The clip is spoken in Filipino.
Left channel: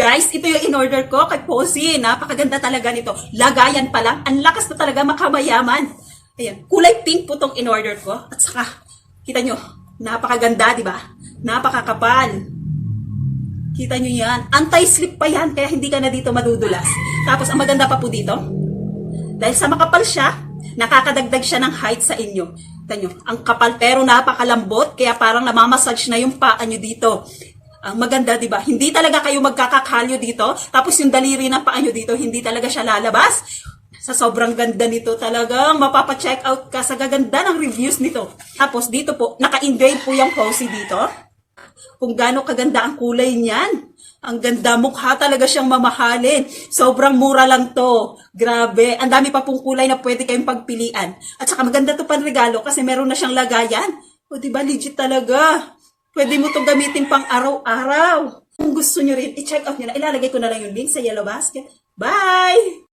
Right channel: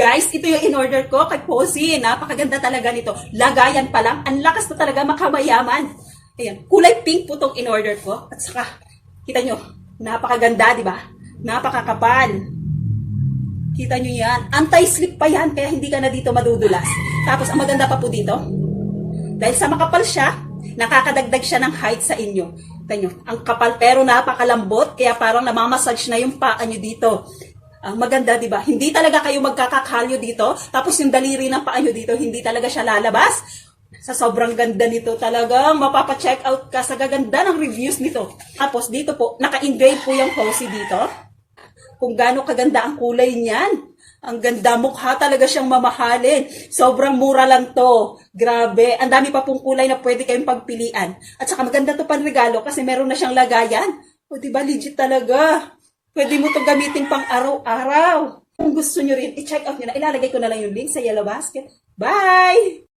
Guys, ito yung in-order ko kay Posy. Napakaganda talaga nito. Lagayan pa lang. Ang lakas na talaga makamayaman. Ayan, kulay pink po tong in-order ko. At saka, kita nyo, napakaganda, di ba? Napakakapal. Kita nyo yan. Anti-slip pa yan, kaya hindi ka na dito madudulas. Tapos, ang maganda pa po dito, dahil sa makapal siya, nakakadagdag siya ng height sa inyo. Kita nyo, ang kapal pero napakalambot, kaya parang namamassage na yung paa nyo dito. Ang maganda, di ba? Hindi talaga kayo magkakakalyo dito. Tapos yung daliri ng paa nyo dito, hindi talaga siya lalabas. Sa sobrang ganda nito, talagang mapapa-check out ka sa gaganda ng reviews nito. Tapos dito po, naka-engrave po yung Posy dito. Kung gaano kaganda ang kulay niyan. Ang ganda, mukha talaga siyang mamahalin. Sobrang mura lang to. Grabe. Ang dami pa pong kulay na pwede kayong pagpilian. At saka maganda to panregalo kasi meron na siyang lagayan. O diba, legit talaga. Pwede mo itong gamitin pang araw-araw. Kung gusto nyo rin, i-check out nyo na. Ilalagay ko na lang yung link sa Yellow Basket. Bye!